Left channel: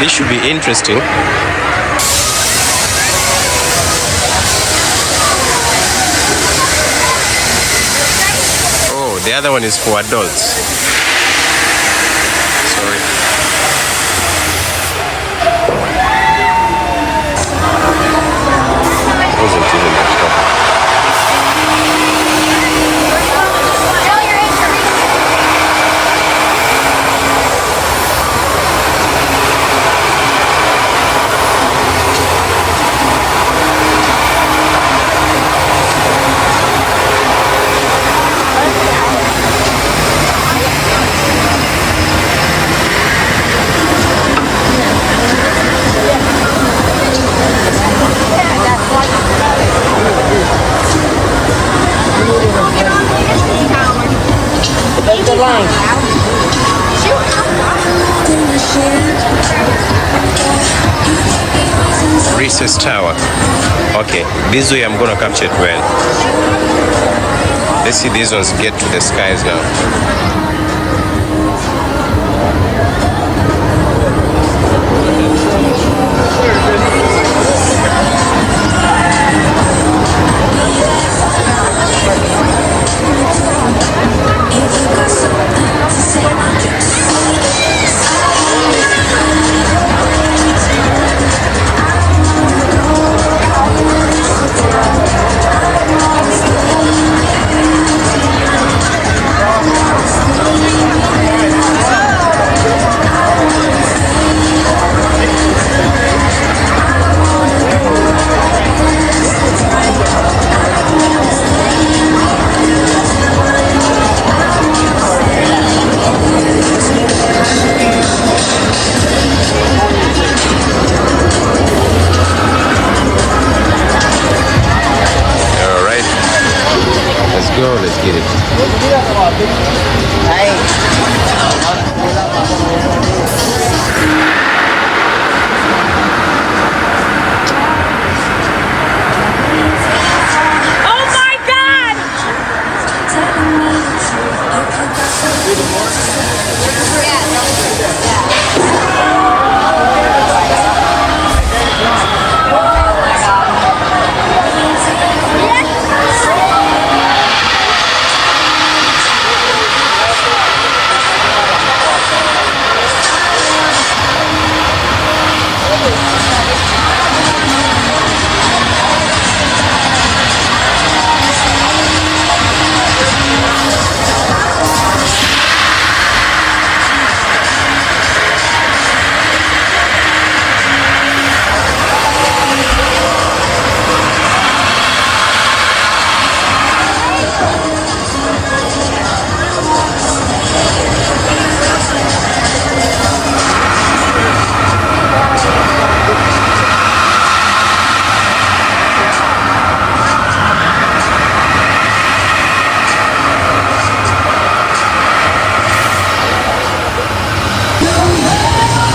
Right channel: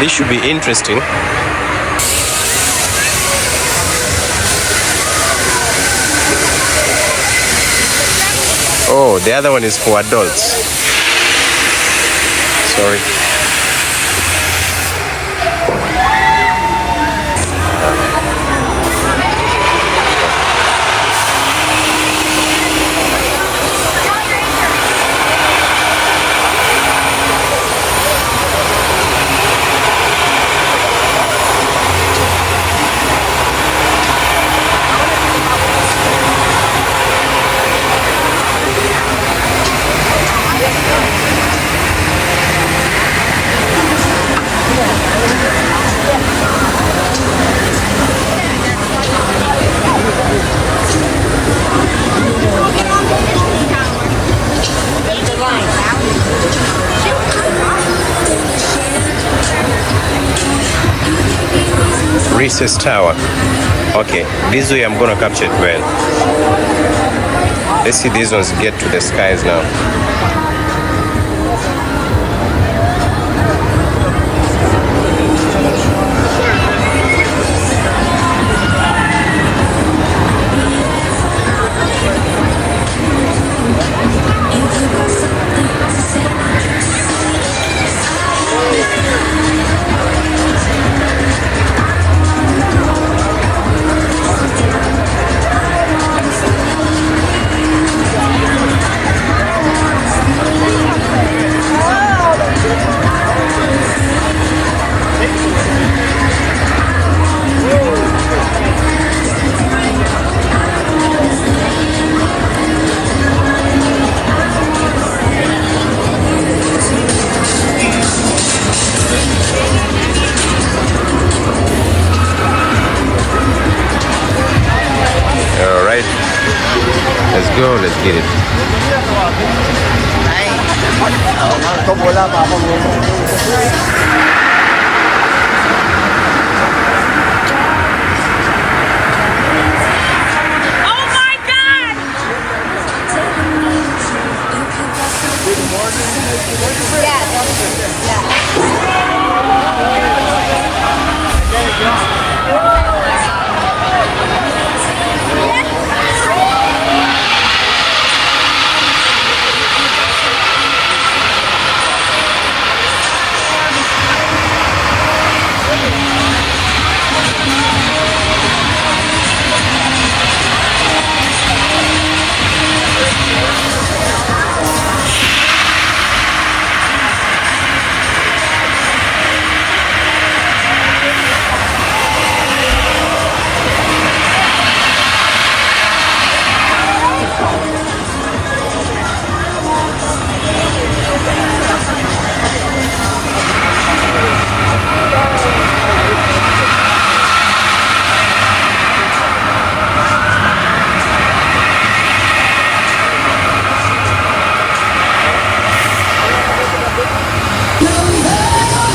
This should be interesting. Oh, the other one is for adults. Sorry. Risses Tower. Okay, this way I'm gonna capture it well. Let's see these ones get to the skies now. Let's go, let's get it. Oh my God!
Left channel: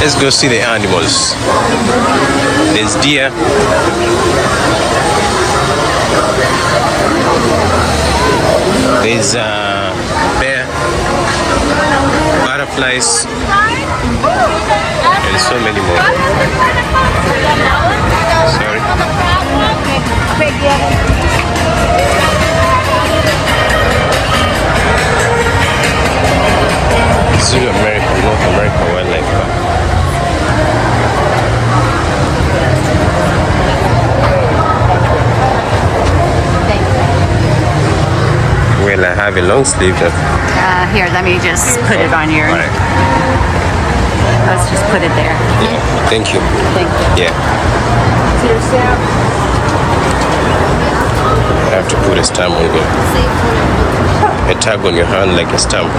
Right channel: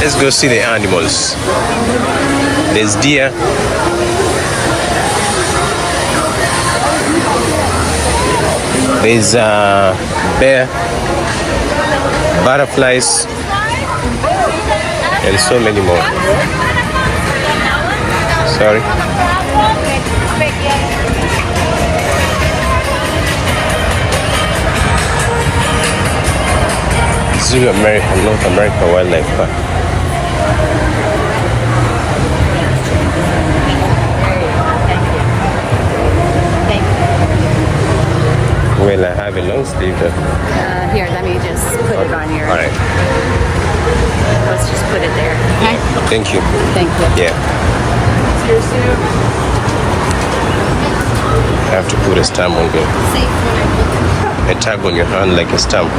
Let's go see the animals. There's deer. There's bear, butterflies, and so many more. Sorry. Zoo America, North America Wildlife Park. Well, I have a long sleeve. Here, let me just put it on your. All right. Let's just put it there. Okay? Yeah. Thank you. Thank you. Yeah. I have to put a stamp on here. A tag on your hand like a stamp.